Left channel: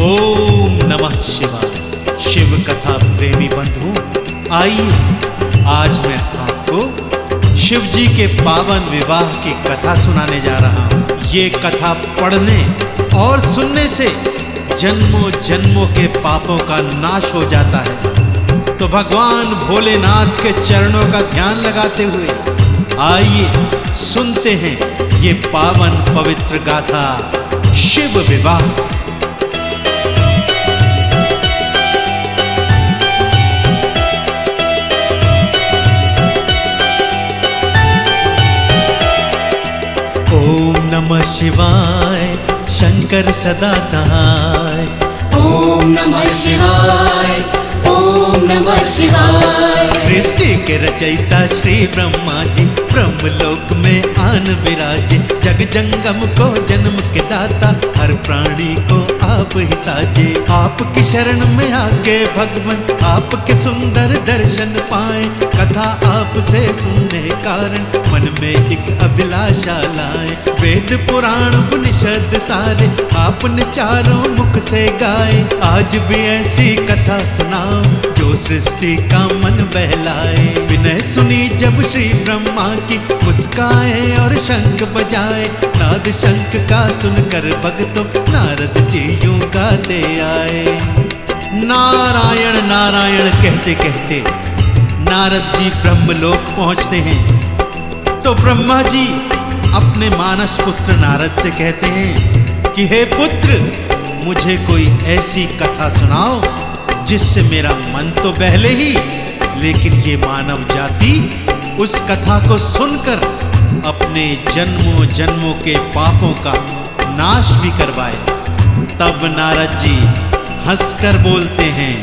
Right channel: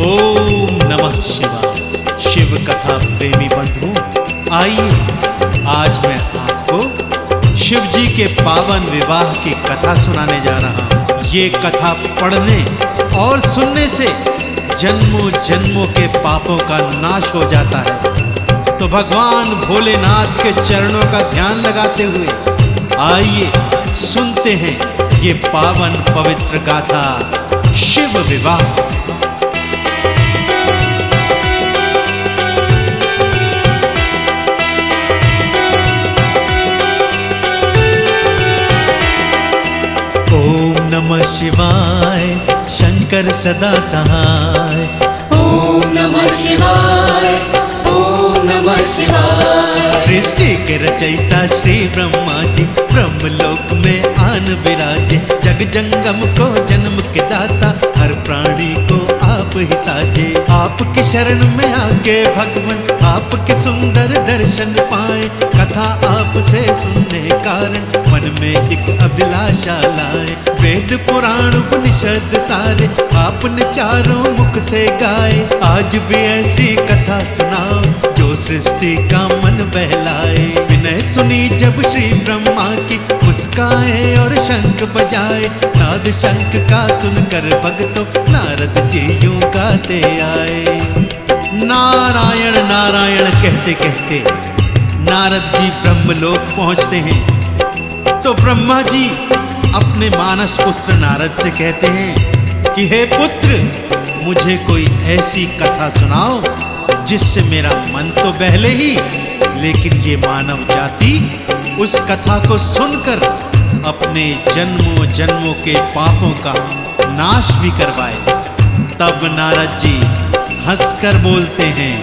ओम नमः शिवाय। शिव कथा प्रेमी बंधुओं, आइए आज मैं आपको शिव जी के पावन विवाह की कथा सुनाने जा रहा हूँ। ये कथा पढ़ने और सुनने से जन्मों जन्मों के पापों का नाश हो जाता है। तो भगवान भोलेनाथ के चरणों का ध्यान लगाते हुए आइए सुनते हैं ये पावन पवित्र गाथा शिव विवाह। ओम नमः शिवाय, शंकर सदा सहाय। ओम नमः शिवाय, ओम नमः शिवाय। सृष्टि के रचयिता श्री ब्रह्मा जी ब्रह्मलोक में आन विराजे। जग जंगम को जन्म के दाता, हर प्राणी को आप ही साजे। आपकी शरण में आके भगवन आपके सुंदर दर्शन पाए। कथा आपसे सुनने कारण मन में एक अभिलाषा लाए। वेद पुराण उपनिषद सारे आपने चारों मुख से गाए। आज भी ऐसी कथा सुनाओ जो सृष्टि का मन बहलाए। विनय सुनी जब श्री ब्रह्मा की मुस्काए और शंख बजाए। नाद शंख का सुनकर भक्तों नारद जी यूं गाते आए। नारायण नारायण कहते कहते नारद जी ब्रह्मलोक पहुंचते हैं। तो ब्रह्मा जी अपने मानस पुत्र नारद से कहते हैं कि हे पुत्र, मुझे कोई ऐसी कथा सुनाओ जिससे मेरा मन तो बहले ही, लेकिन ये मानव जाति उस कथा को सुनकर अपने जन्मों जन्मों के पापों का नाश भी करवाए। तब नारद जी हंसकर बोलते हैं,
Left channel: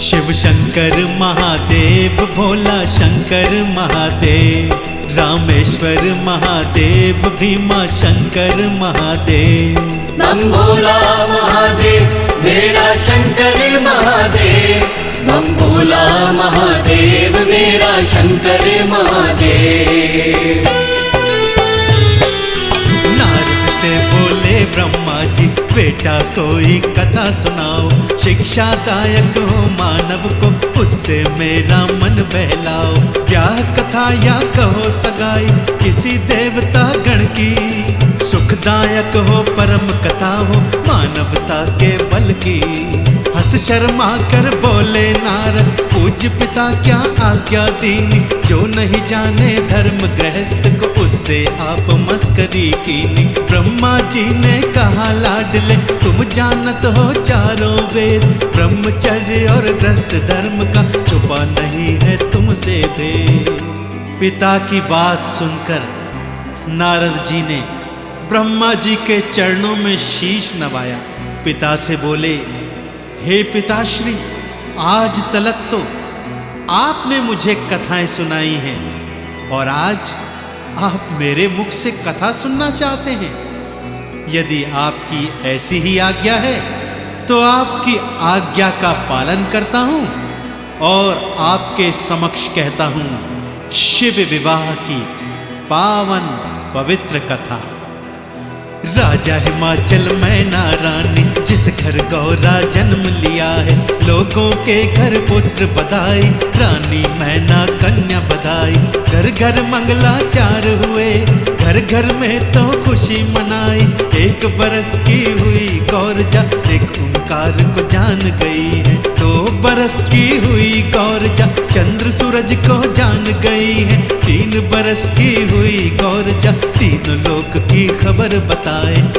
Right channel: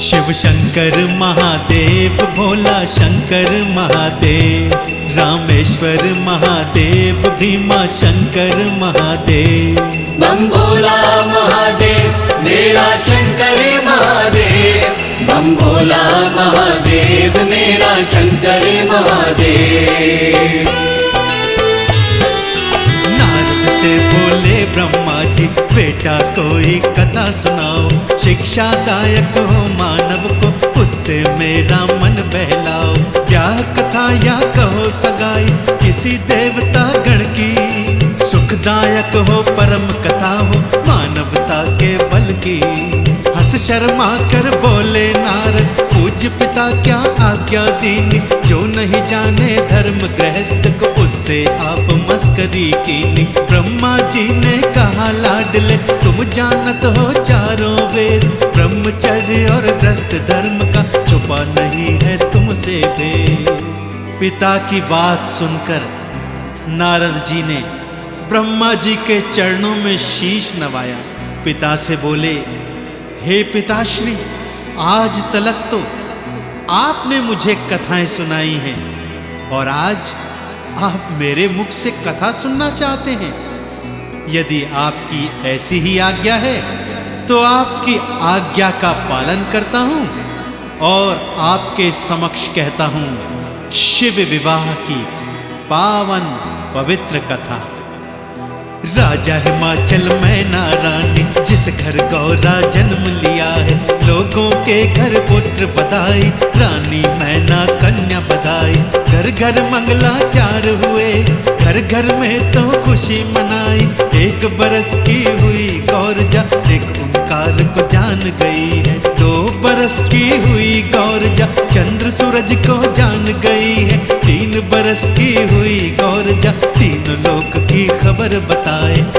शिव शंकर महादेव, भोला शंकर महादेव, रामेश्वर महादेव, भीमा शंकर महादेव। बम भोला महादेव मेरा शंकर महादेव, बम भोला महादेव मेरा शंकर महादेव। नारद से बोले ब्रह्मा जी, बेटा कोई कथा सुनाओ। शिक्षादायक हो मानव को, उससे मेरा मन बहलाओ। ब्याह कथा या कहो सगाई किसी देवता गण की। सुखदायक हो परम कथा हो मानवता के बल की। हंस शर्मा कर बोले नारद, पूज्य पिता क्या आज्ञा दीनी। जो नहीं जाने धर्म गृहस्थ को, उससे आप मस्करी कीनी। ब्रह्मा जी ने कहा लाडले, तुम जानत हो चारों वेद। ब्रह्मचर्य और गृहस्थ धर्म का छुपा नहीं है तुमसे भेद। पिता की बात सुनकर नारद जी ने ब्रह्मा जी के चरणों में शीश नवाया। पिता से बोले, हे पिताश्री, आज तलक तो आपने मुझे कथाएं सुनाई हैं और आज आप मेरे मुख से कथा सुनना चाहते हैं। यदि आपकी ऐसी ही आज्ञा है तो आपकी आज्ञा का पालन करता हूं और आपके समक्ष कहता हूं शिव विवाह की पावन पवित्र कथा। राजा हिमाचल मैना रानी, जिस घर गौरा जन्म लिया है। लोगों के घर पुत्र बधाई, रानी मैना कन्या बधाई। घर घर मंगलाचार हुए, घर घर में तो खुशी मनाई। एक बरस की हुई गौरजा, एक ओंकार को जान गई है। 2 बरस की हुई गौरजा, चंद्र सूरज को जान गई है। 3 बरस की हुई गौरजा, 3 लोक की खबर बताए।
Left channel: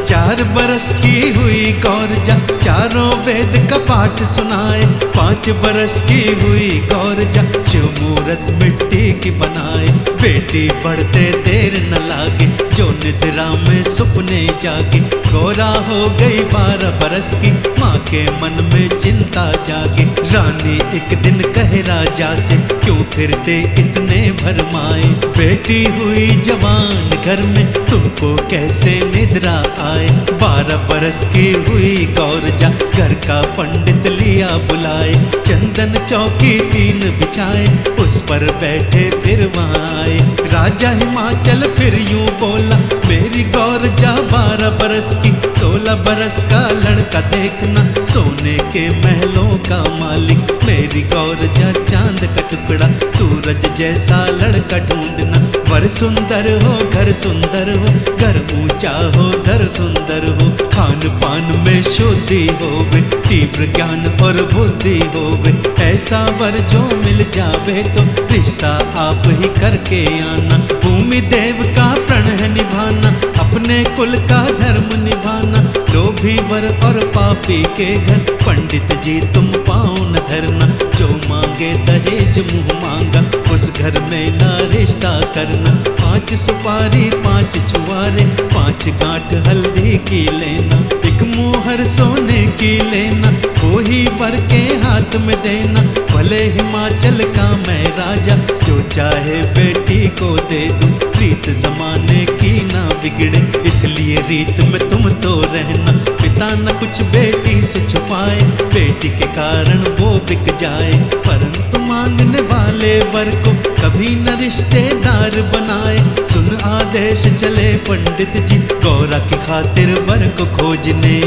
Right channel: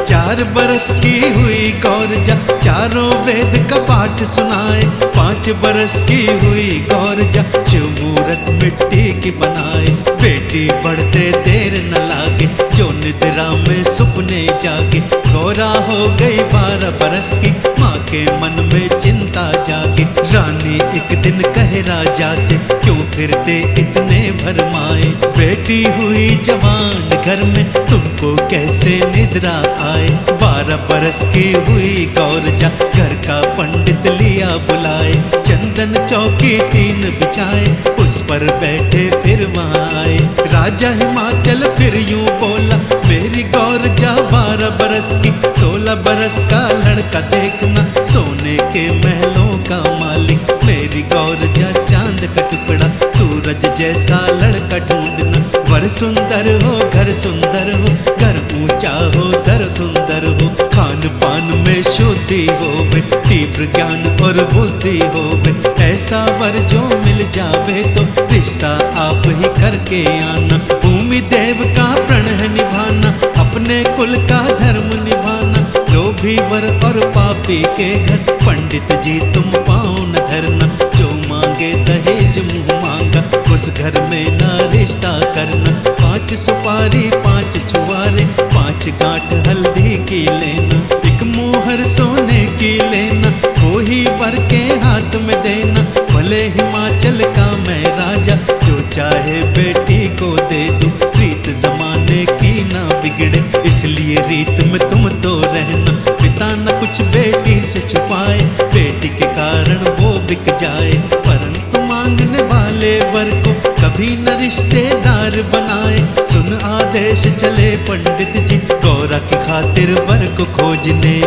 4 बरस की हुई गौरजा, चारों वेद का पाठ सुनाए। 5 बरस की हुई गौरजा, शिव मूरत मिट्टी की बनाए। बेटी बढ़ते देर न लागे, जो निद्रा में सुपने जागे। गौरा हो गई 12 बरस की, माँ के मन में चिंता जागे। रानी एक दिन कहे राजा से, क्यों फिरते इतने भरमाए। बेटी हुई जवान घर में, तुमको कैसे निद्रा आए। 12 बरस की हुई गौरजा, घर का पंडित लिया बुलाए। चंदन चौकी 3 बिछाए, उस पर बैठे फिर वहाँ आए। राजा हिमाचल फिर यूं यूं बोला, मेरी गौर जा 12 बरस की, 16 बरस का लड़का देखना, सोने के महलों का मालिक। मेरी गौर जा चांद का टुकड़ा, सूरज जैसा लड़का ढूंढना। वर सुंदर हो, घर सुंदर हो, घर ऊंचा हो, दर सुंदर हो, खान पान में शुद्धि होवे, तीव्र ज्ञान और बुद्धि होवे। ऐसा वर जो मिल जावे तो रिश्ता आप ही करके आना। भूमि देव का प्रण है निभाना, अपने कुल का धर्म निभाना। लोभी वर और पापी के घर पंडित जी तुम पाँव न धरना। जो मांगे दहेज मुँह मांगा, उस घर में ना रिश्ता करना। 5 सुपारी 5 छुआरे, 5 गांठ हल्दी की लेना। एक मुहर सोने की लेना, वो ही वर के हाथ में देना। भले हिमाचल का मैं राजा, जो चाहे बेटी को दे दूं। रीत जमाने की ना बिगड़े, इसलिए रीत में तुम तो रहना। पिता न कुछ बेटी से छुपाए, बेटी के कारण वो बिक जाए। परंतु मांगने वाले वर को कभी न रिश्तेदार बनाए। सुन आदेश चले पंडित जी, गौरा की खातिर वर को खोजने।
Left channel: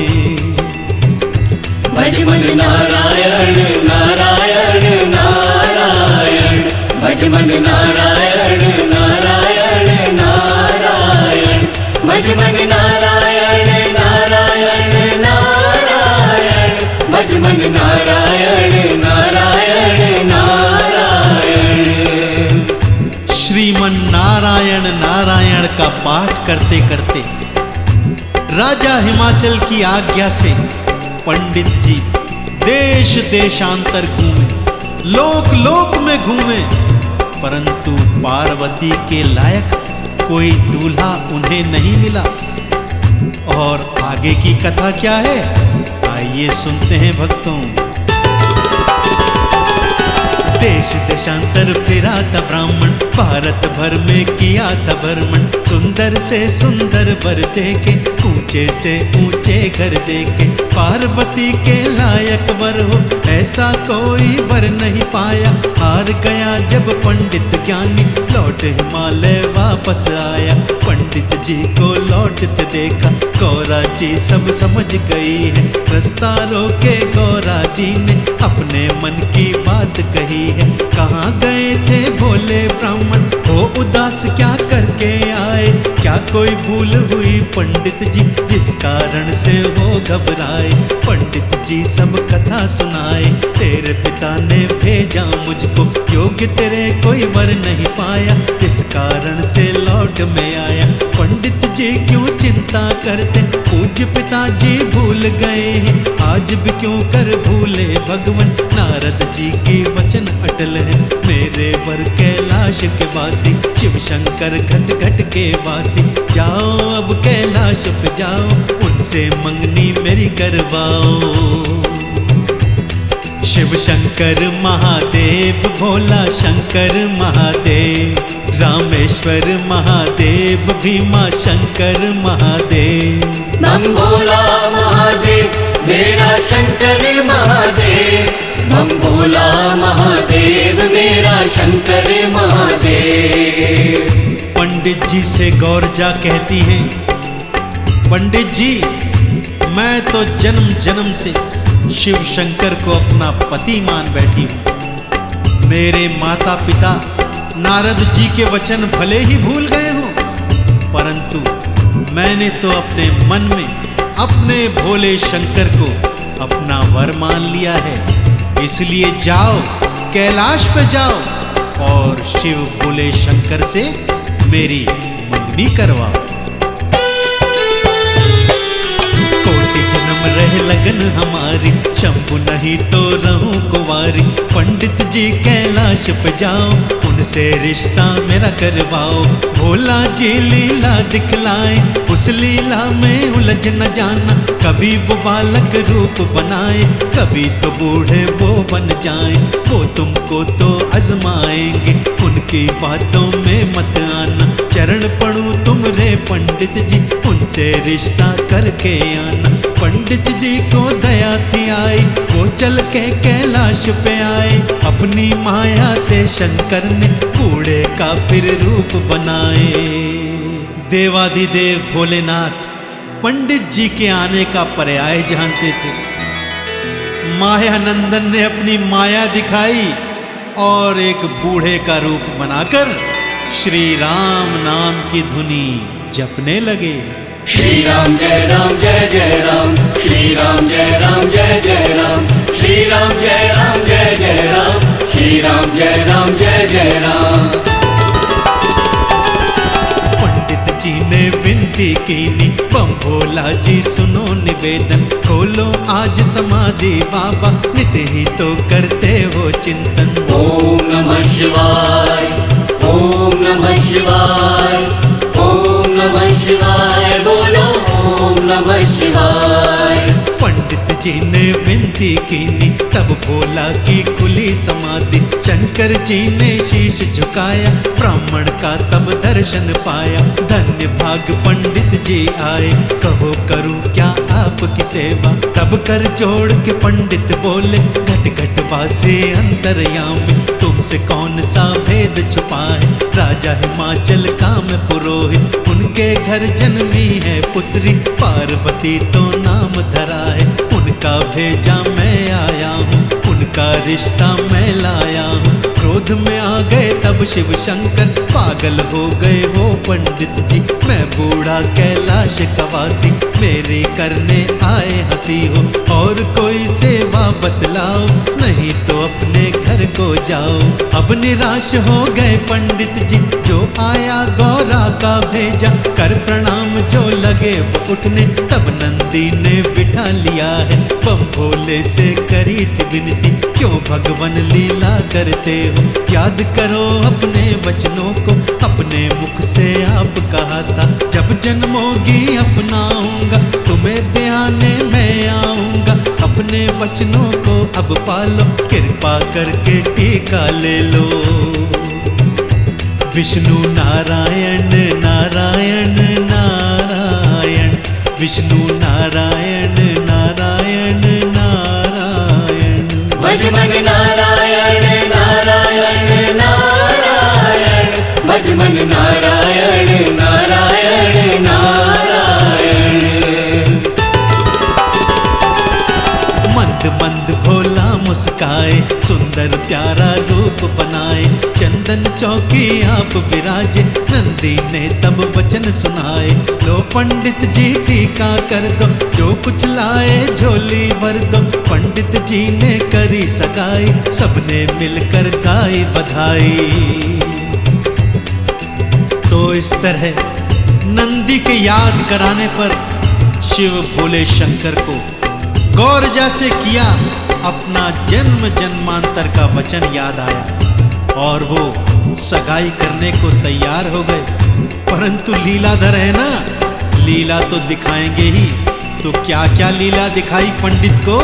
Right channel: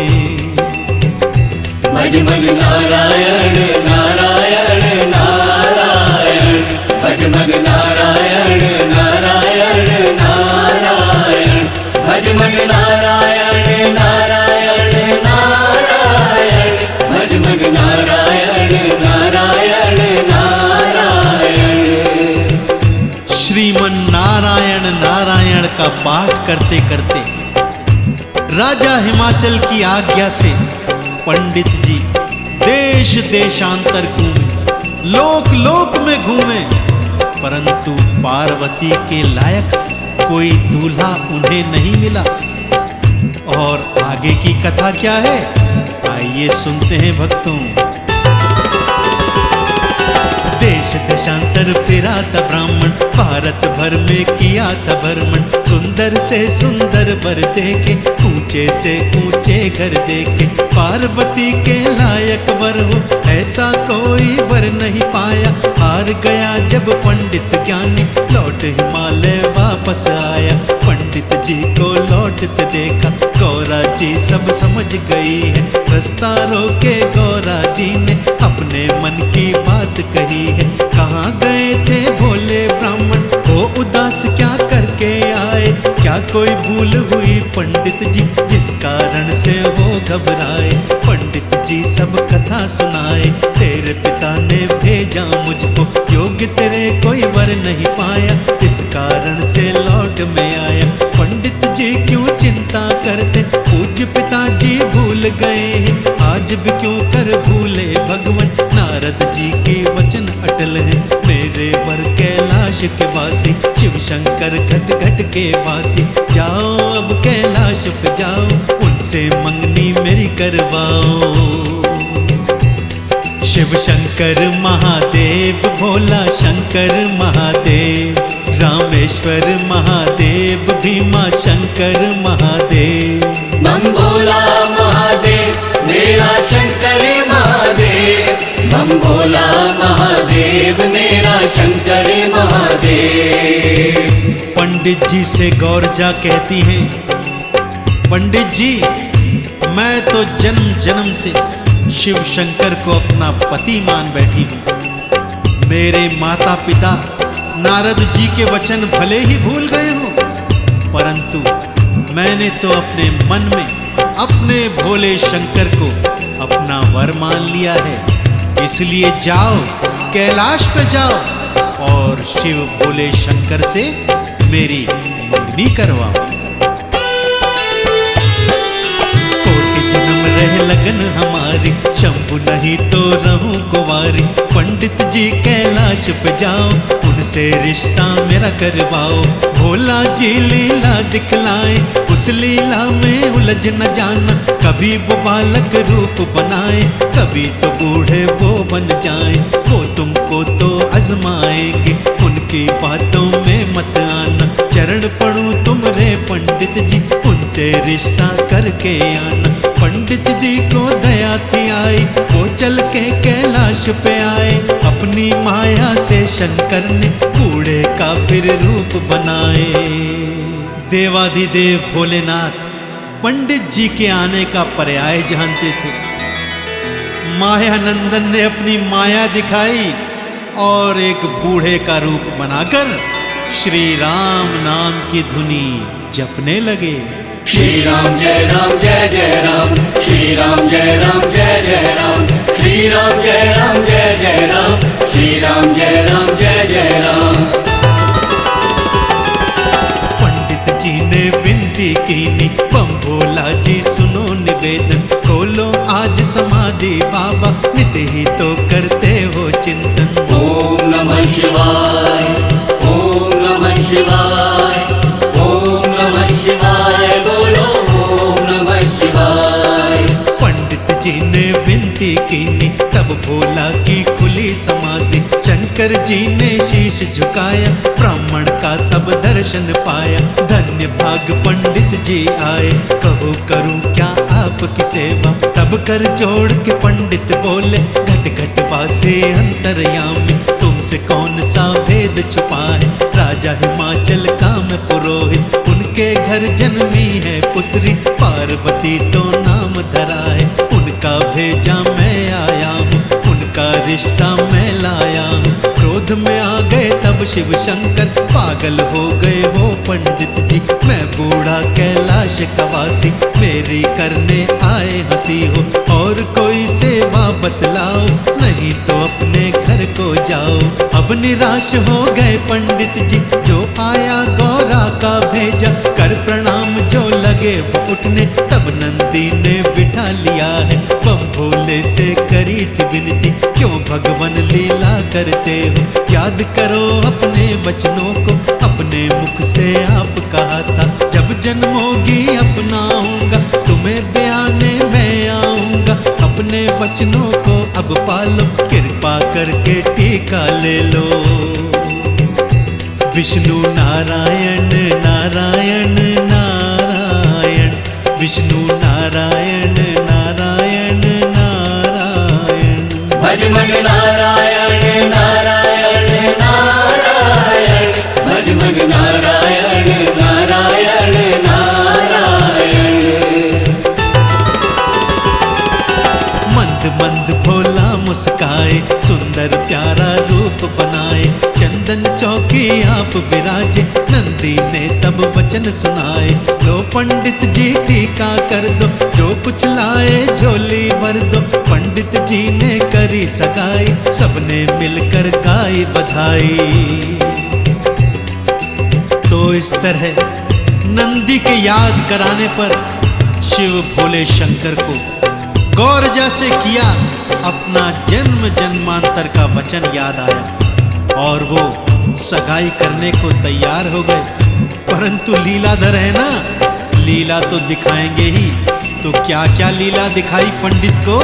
भज मन नारायण नारायण नारायण, भज मन नारायण नारायण नारायण, भज मन नारायण नारायण नारायण, भज मन नारायण नारायण नारायण। श्रीमन नारायण नारायण का पाठ करते करते राजा हिमाचल की आज्ञा से पंडित जी देश देशांतर घूमे, लोक लोक में घूमे, परंतु पार्वती के लायक कोई दूल्हा उन्हें नहीं मिला। और आगे की कथा क्या है, आइए सुनते हैं भक्तों। देश देशांतर फिरा था ब्राह्मण, भारत भर में किया था भ्रमण। सुंदर से सुंदर वर देखे, ऊंचे से ऊंचे घर देखे। पार्वती के लायक वर हो, ऐसा कोई वर नहीं पाया। हार गया जब पंडित ज्ञानी, लौट हिमालय वापस आया। पंडित जी को लौटते देखा, गौरा जी सब समझ गई है। रास्ता रोके गौरा जी ने, अपने मन की बात कही है। कहाँ गए थे भोले ब्राह्मण, हो उदास क्या करके आए। क्या कोई भूल हुई पंडित जी, जिस कारण से हो घबराए। पंडित जी सब कथा सुनाए, तेरे पिता ने भेजा मुझको। योग्य तेरे कोई वर नहीं पाया, इस कारण से लौट में आया। पंडित जी क्यों चिंता करते, पूज्य पिताजी भूल गए हैं। आज भी क्यों कर भूले भगवान, नारद जी की वचन अटल है। मेरे वर कैलाश के वासी, शिव शंकर घट घट के वासी। जाओ अब कैलाश पे जाओ, उनसे मंगनी मेरी करवाओ। शिव शंकर महादेव, भोला शंकर महादेव, रामेश्वर महादेव, भीमा शंकर महादेव। बम भोला महादेव मेरा शंकर महादेव, बम भोला महादेव मेरा शंकर महादेव। पंडित जी से गौरजा कहती हैं, पंडित जी मैं तो जन्म जन्म से शिव शंकर को अपना पति मान बैठी हूँ। मेरे माता पिता नारद जी के वचन भले ही भूल गए हों, परंतु मैंने तो अपने मन में अपने भोले शंकर को अपना वर मान लिया है। इसलिए जाओ कैलाश पे जाओ और शिव भोले शंकर से मेरी मंगनी करवाओ। जन्म रह लगन हमारी, शंभु नहीं तो रहूं कुंवारी। पंडित जी कैलाश पे जाओ, उनसे रिश्ता मेरा करवाओ। भोला जी लीला दिखलाए, उस लीला में उलझ न जाना। कभी वो बालक रूप बनाए, कभी तो बूढ़े वो बन जाए। वो तुमको तो आजमाएंगे, उनकी बातों में मत आना। चरण पढ़ूं तुम रे पंडित जी, उनसे रिश्ता करके आना। पंडित जी को दया थी आई, वो चल के कैलाश पे आए। अपनी माया से शंकर ने बूढ़े का फिर रूप बनाए। देवाधिदेव भोलेनाथ पंडित जी के आने का पर्याय जानते थे। मायानंदन ने अपनी माया दिखाई और एक बूढ़े का रूप बनाकर श्री राम नाम की धुनी जपने लगे। श्री राम जय राम, श्री राम जय राम जय जय राम, श्री राम जय राम जय जय राम, श्री राम जय राम जय जय राम। पंडित जी ने विनती कीनी, बम भोला जी सुनो निवेदन, खोलो आज समाधि बाबा, नित ही तो करते हो चिंतन। ओम नमः शिवाय, ओम नमः शिवाय, ओम नमः शिवाय, बोलो ओम नमः शिवाय। पंडित जी ने विनती कीनी, तब भोला की खुली समाधि, शंकर जी ने शीश झुकाया, ब्राह्मण का तब दर्शन पाया। धन्य भाग पंडित जी आए, कहो करूं क्या आपकी सेवा, तब कर जोड़ के पंडित बोले, घट घट वासी अंतर्यामी, तुमसे कौन सा भेद छुपा है। राजा हिमाचल का मैं पुरोहित, उनके घर जन्मी है पुत्री, पार्वती तो नाम धरा है, उनका भेजा मैं आया हूँ, उनका रिश्ता मैं लाया हूँ। क्रोध में आ गए तब शिव शंकर, पागल हो गए हो पंडित जी, मैं बूढ़ा कैलाश कवासी, मेरी करने आए हंसी हो, और कोई सेवा बतलाओ, नहीं तो अपने घर को जाओ। अब निराश हो गए पंडित जी, जो आया गौरा का भेजा, कर प्रणाम जो लगे वो उठने, तब नंदी ने बिठा लिया है, बम भोले से करी थी विनती, क्यों भगवान लीला करते हो, याद करो अपने वचनों को, अपने मुख से आप कहा था, जब जन्मोगी अपनाऊंगा, तुम्हें ब्याने मैं आऊंगा, अपने वचनों को अब पालो, कृपा करके टीका ले लो। विष्णु नारायण नारायण नारायण, विष्णु नारायण नारायण नारायण, भज मन नारायण नारायण नारायण, भज मन नारायण नारायण नारायण। मंद मंद भोला मुस्काए, सुंदर प्यारा रूप बनाए, चंदन चौकी आप विराजे, नंदी ने तब वचन सुनाए, लो पंडित जी टीका कर दो, जो कुछ लाए झोली भर दो। पंडित जी ने करी सगाई, सबने मिलकर गाई बधाई। तो इस तरह नंदी के याद कराने पर शिव भोले शंकर को गौर जैसे किया, अपना जन्म जन्मांतर का वचन याद आया, और वो सगाई करने को तैयार हो गए। परंतु लीलाधर है ना, लीला तो दिखाएंगे ही, तो क्या क्या लीला दिखाई पंडित को,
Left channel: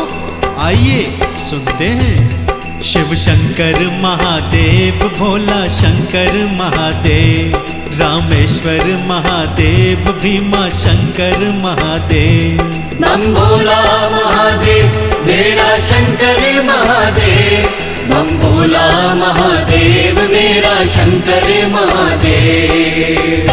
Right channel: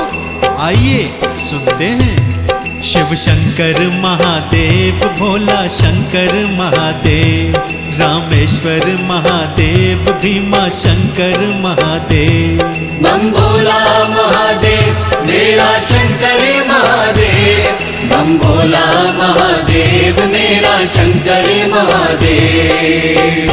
आइए सुनते हैं। शिव शंकर महादेव, भोला शंकर महादेव, रामेश्वर महादेव, भीमा शंकर महादेव। बम भोला महादेव, मेरा शंकर महादेव, बम भोला महादेव, मेरा शंकर महादेव।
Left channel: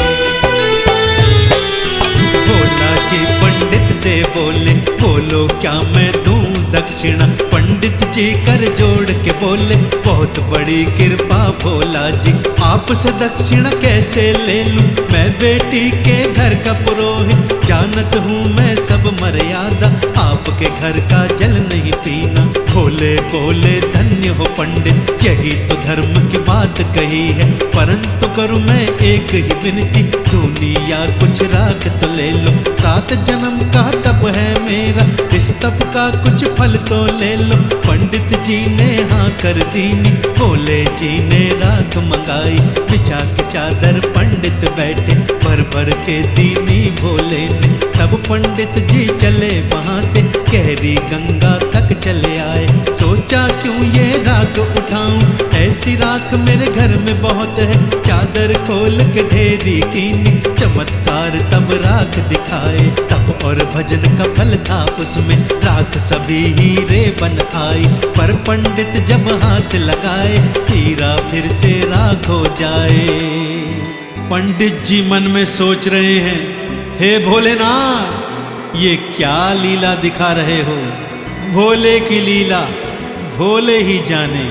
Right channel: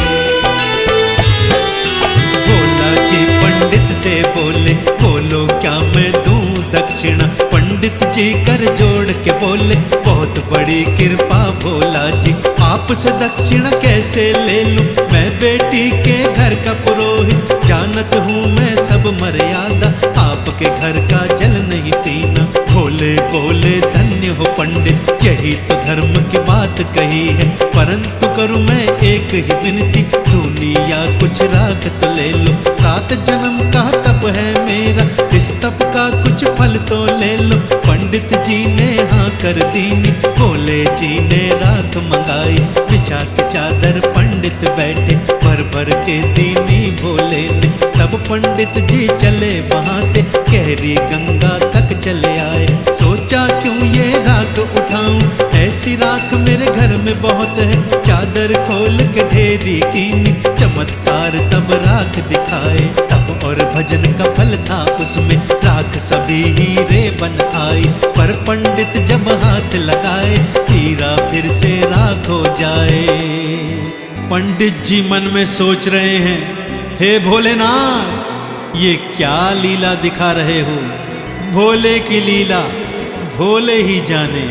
भोला जी पंडित से बोले, बोलो क्या मैं दूं दक्षिणा, पंडित जी कर जोड़ के बोले, बहुत बड़ी कृपा भोला जी, आपसे दक्षिणा कैसे ले लूं, मैं बेटी के घर का पुरोहित, जानत हूँ मैं सब मर्यादा, आपके घर का जल नहीं पीना। भोले बोले धन्य हो पंडित, यही तो धर्म की बात कही है, परंतु करूँ मैं एक ही विनती, दुनिया कुछ राख तो ले लो, 7 जन्म का तप है मेरा, इस तप का कुछ फल तो ले लो। पंडित जी ने हाँ कर दीनी, भोले जी ने राख मंगाई, बिछा के चादर पंडित बैठे, भर भर के दीनी भोले ने। तब पंडित जी चले वहाँ से, गहरी गंगा तक चले आए, सोचा क्यों ये राख उठाऊं, ऐसी राख मेरे घर में बहुत है, चादर खोल के ढेरी कीनी, चमत्कार तब राख दिखाए, तप और भजन का फल था उसमें, राख सभी हीरे बन आई, पर पंडित जब हाथ लगाए, हीरा फिर से राख हो जाए। पंडित जी मन में सोच रहे हैं, हे भोलेनाथ, ये क्या लीला दिखा रहे हो? भोले की लीला भोले ही जाने।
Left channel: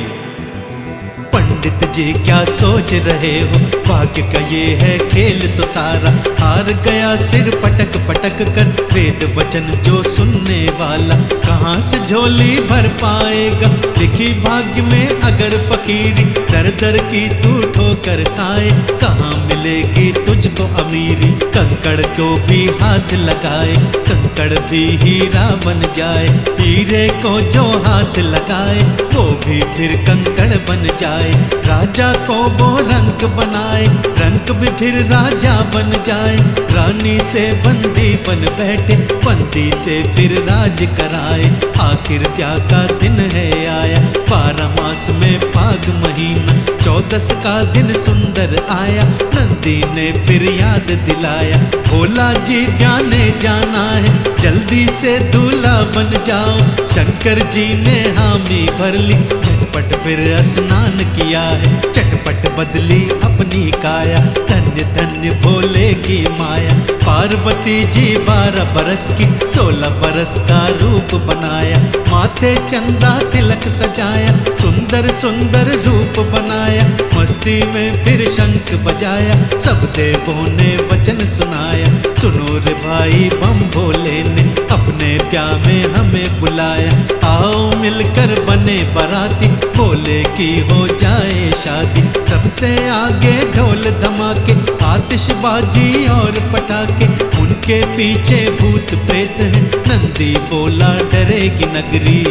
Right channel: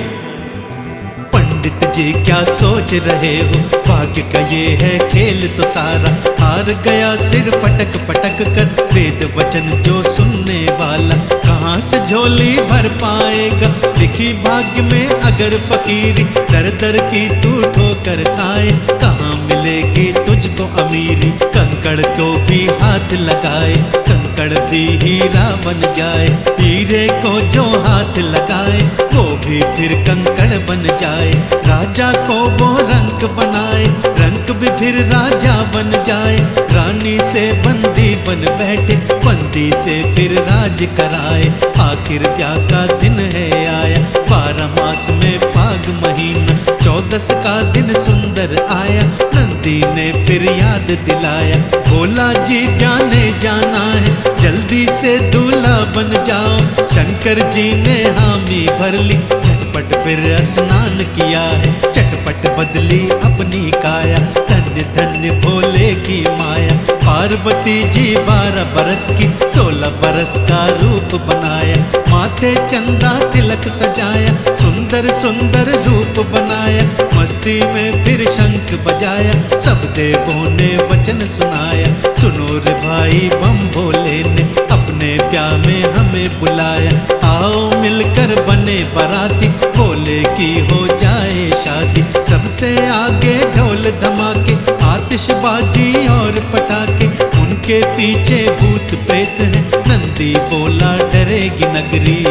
पंडित जी क्या सोच रहे हो? भाग्य का ये है खेल तो सारा, हार गया सिर पटक पटक कर। वेद वचन जो सुनने वाला कहाँ से झोली भर पाएगा? लिखी भाग्य में अगर फकीरी, दर दर की तू ठोकर खाए, कहाँ मिलेगी तुझको अमीरी? कंकड़ को भी हाथ लगाए, कंकड़ भी हीरा बन जाए। हीरे को जो हाथ लगाए, वो भी फिर कंकड़ बन जाए। राजा को वो रंक बनाए, रंक भी फिर राजा बन जाए। रानी से बंदी बन बैठे, बंदी से फिर राज कराए। आखिर ब्याह का दिन है आया, 12 मास में फाग महीना, 14 का दिन सुंदर आया। नंदी ने फिर याद दिलाया, भोला जी ब्याने जाना है, जल्दी से दूल्हा बन जाओ। शंकर जी ने हामी भर ली, झटपट फिर स्नान किया है, चटपट बदली अपनी काया। धन्य धन्य भोले की माया, पार्वती जी 12 बरस की, 16 बरस का रूप बनाया। माथे चंदा तिलक सजाया, सुंदर सुंदर रूप बनाया। मस्ती में फिर शंख बजाया, सब देवों ने वचन सुनाया। सुनो रे भाई बम भोले ने, अपने ब्याह में हमें बुलाया। आओ मिलकर बने बाराती, भोले की हो जाए शादी। सबसे आगे ढोल धमाके, आतिशबाजी और पटाखे, उनके पीछे भूत प्रेत हैं, नंदी बोला डरेगी नगरी।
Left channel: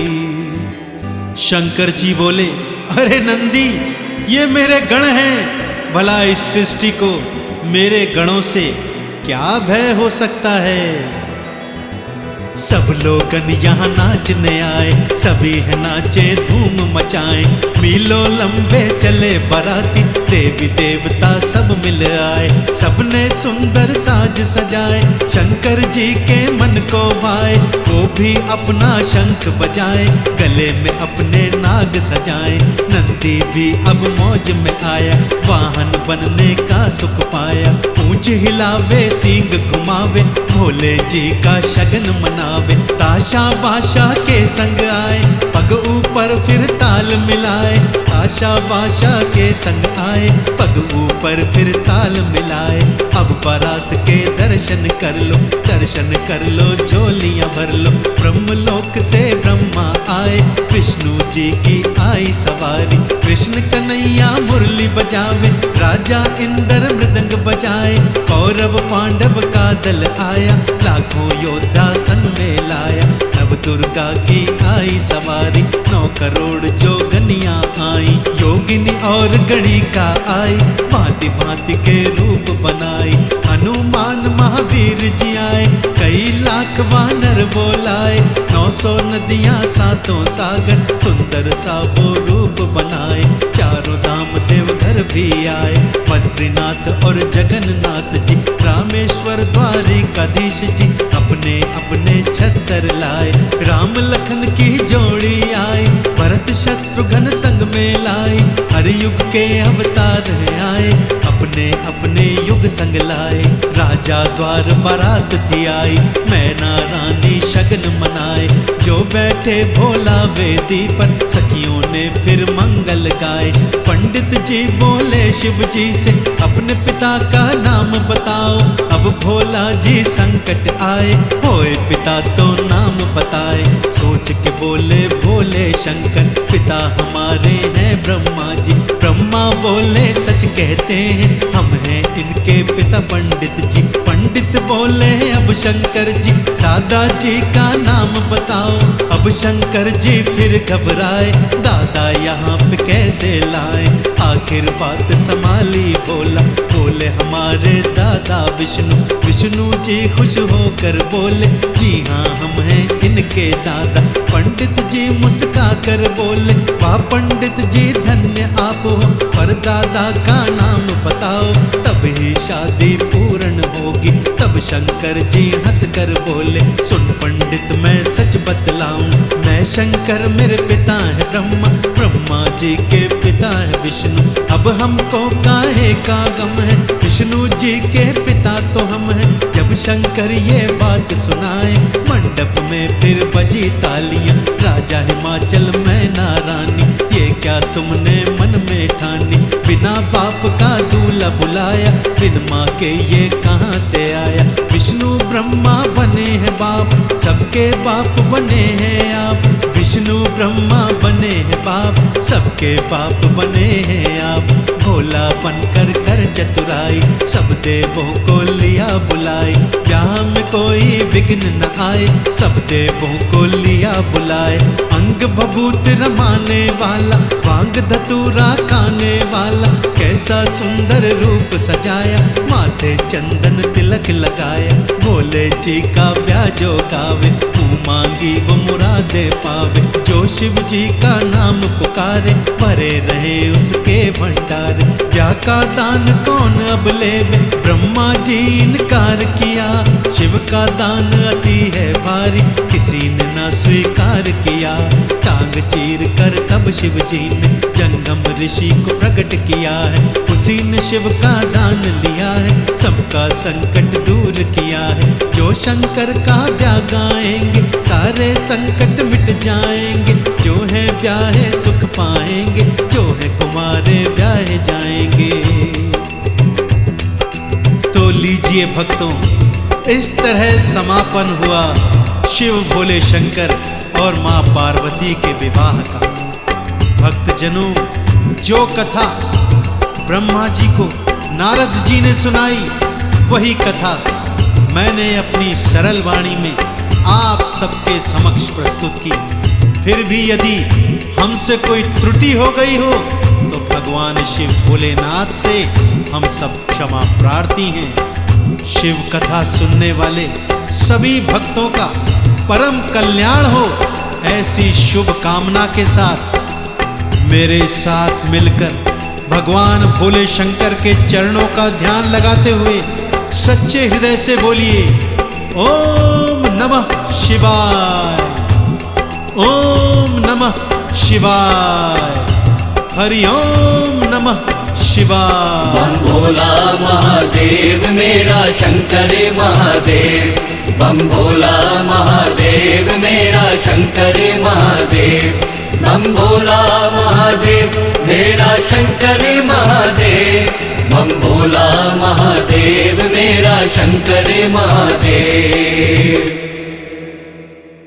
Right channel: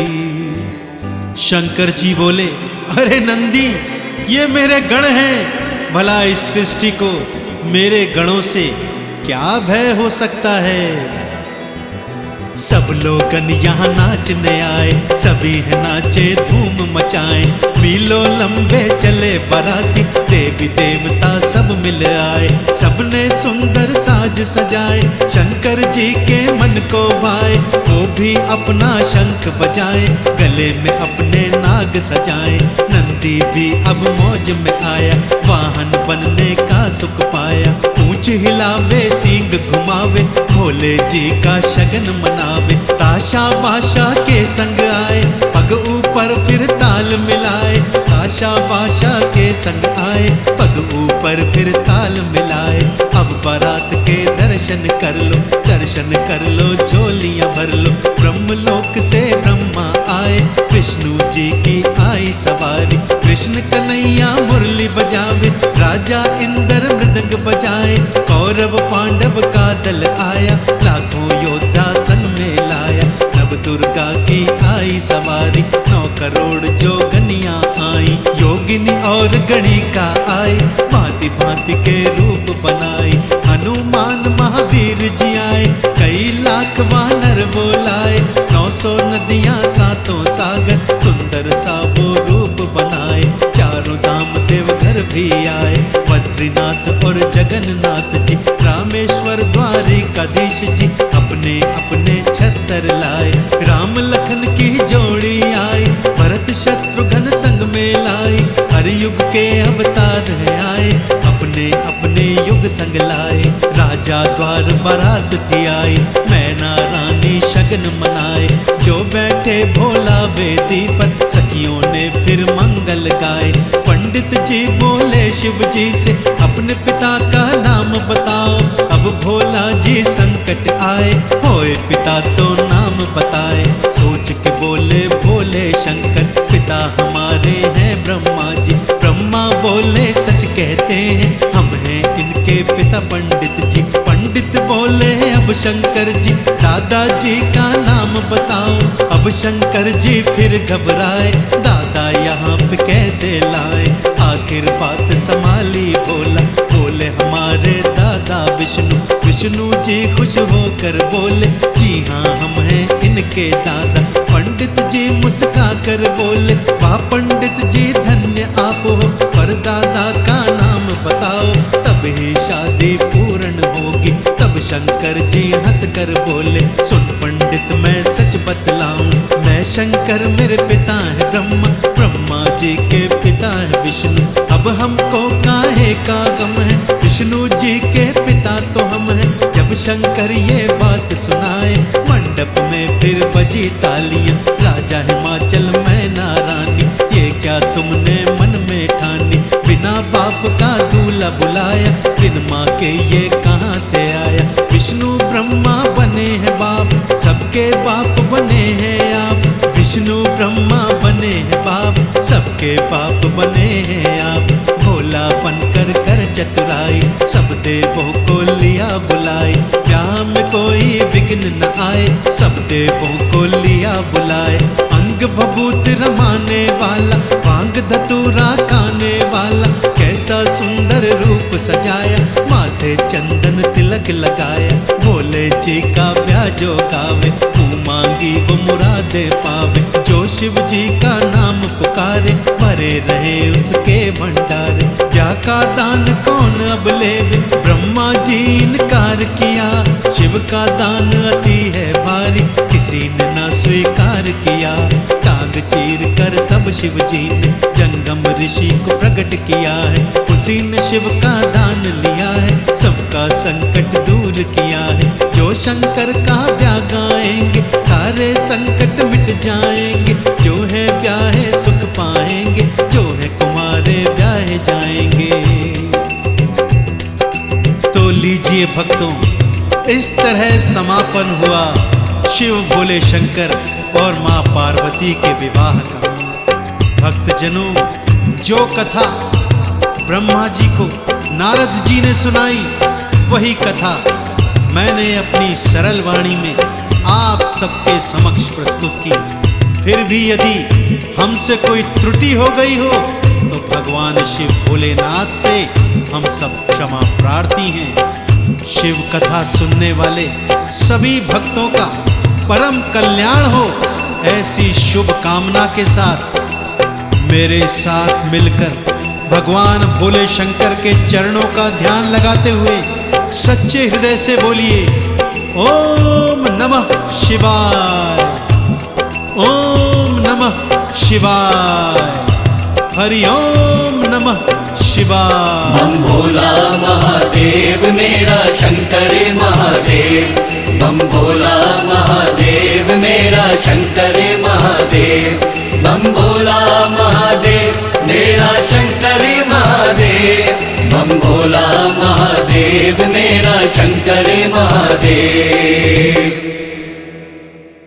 शंकर जी बोले, अरे नंदी, ये मेरे गण हैं, भला इस सृष्टि को मेरे गणों से क्या भय हो सकता है? सब लोगन यहाँ नाचने आए, सभी है नाचे धूम मचाए। मीलों लंबे चले बाराती, देवी देवता सब मिल आए। सबने सुंदर साज सजाए, शंकर जी के मन को भाए। वो भी अपना शंख बजाए, गले में अपने नाग सजाए। नंदी भी अब मौज में आया, वाहन बनने का सुख पाया। पूंछ हिलावे सींग घुमावे, भोले जी का शगन मनावे। ताशा बाशा के संग आए, पग ऊपर फिर ताल मिलाए। ताशा बाशा के संग आए, पग ऊपर फिर ताल मिलाए। अब बारात के दर्शन कर लो, दर्शन कर लो, झोलियां भर लो। ब्रह्मलोक से ब्रह्मा आए, विष्णु जी की आई सवारी। कृष्ण कन्हैया मुरली बजावे, राजा इंद्र मृदंग बजाए। कौरव पांडव का दल आया, लाखों योद्धा संग में लाया। नव दुर्गा की आई सवारी, 9 करोड़ जोगनियां आई। योगिनी और गणिका आई, भांति भांति के रूप बनाई। हनुमान महावीर जी आए, कई लाख वानर बोलाए। 900 नदियां 7 सागर, सुंदर सा वो रूप बनाए। चारों धाम देवघर भी आए, बद्रीनाथ और जगन्नाथ जी। रामेश्वर द्वारिकाधीश जी, अपने अपने छत्तर लाए। राम लखन की जोड़ी आई, भरत शत्रुघ्न संग में लाई। हर युग के अवतार हैं आए, अपने अपने युग संग लाए। राजा द्वार बारात थी आई, मैना रानी शगन मनाए। जो बैठे भोला वेदी पर, सखियों ने फिर मंगल गाए। पंडित जी बोले शिव जी से, अपने पिता का नाम बताओ। अब भोला जी संकट आए, होए पिता तो नाम बताए। सोच के बोले भोले शंकर, पिता हमारे हैं ब्रह्मा जी। ब्रह्मा बोले सच कहते हैं, हम हैं इनके पिता पंडित जी। पंडित बोले अब शंकर जी, दादाजी का नाम बताओ। अब शंकर जी फिर घबराए, दादा यहाँ पे कैसे लाए। आखिर बात संभाली भोला, बोले हमारे दादा विष्णु। विष्णु जी खुश होकर बोले, जी हाँ हम हैं इनके दादा। पंडित जी मुस्का कर बोले, वाह पंडित जी धन्य आप हो, पर दादा का नाम बताओ, तब ही शादी पूर्ण होगी। तब शंकर जी हंस कर बोले, सुन पंडित मैं सच बतलाऊं, मैं मैं शंकर, मेरे पिता है ब्रह्मा, ब्रह्मा जी के पिता है विष्णु। अब हमको काहे का गम है, विष्णु जी के पिता तो हम हैं। जब शंकर ये बात सुनाए, मंडप में फिर बजी तालियां। राजा हिमाचल मैना रानी, ये क्या तुमने मन में ठानी? बिना बाप का दूल्हा बुलाया, बिन माँ के ये कहाँ से आया? विष्णु ब्रह्मा बने हैं बाप, सबके बाप बने हैं आप। विष्णु ब्रह्मा बने हैं बाप, सबके बाप बने हैं आप। भोला बनकर कर चतुराई, सब देवों को लिया बुलाई। ब्याह में कोई विघ्न न आए, सब देवों को लिया बुलाए। अंग भभूत रमाने वाला, भांग धतूरा खाने वाला, कैसा सुंदर रूप सजाया, माथे चंदन तिलक लगाया। भोले जी का ब्याह जो गावे, मुँह मांगी वो मुरादे पावे। जो शिव जी का नाम पुकारे, भरे रहे उसके भंडारे। ब्याह का दान कौन अब लेवे, ब्रह्मा जी इनकार किया। शिव का दान अति है भारी, किसी ने ना स्वीकार किया। टांग चीर कर तब शिव जी ने जंगम ऋषि को प्रकट किया है। उसी ने शिव का दान लिया है, सबका संकट दूर किया है। जो शंकर का ब्याह गाएंगे, सारे संकट मिट जाएंगे। जो है ब्याहे सुख पाएंगे, जो है कुमारे ब्याहे जाएंगे। तो लीजिए भक्तों, इस तरह समापन हुआ शिव भोले शंकर और माँ पार्वती के विवाह का। भक्तजनों, जो कथा ब्रह्मा जी को नारद जी ने सुनाई, वही कथा मैंने अपनी सरल वाणी में आप सबके समक्ष प्रस्तुत की। फिर भी यदि हमसे कोई त्रुटि हो गई हो, तो भगवान शिव भोलेनाथ से हम सब क्षमा प्रार्थी हैं। शिव कथा सुनने वाले सभी भक्तों का परम कल्याण हो, ऐसी शुभ कामना के साथ मेरे साथ मिलकर भगवान भोले शंकर के चरणों का ध्यान लगाते हुए सच्चे हृदय से बोलिए, ओम नमः शिवाय, ओम नमः शिवाय, हरि ओम नमः शिवाय। बम भोला महादेव मेरा शंकर महादेव, बम भोला महादेव मेरा शंकर महादेव।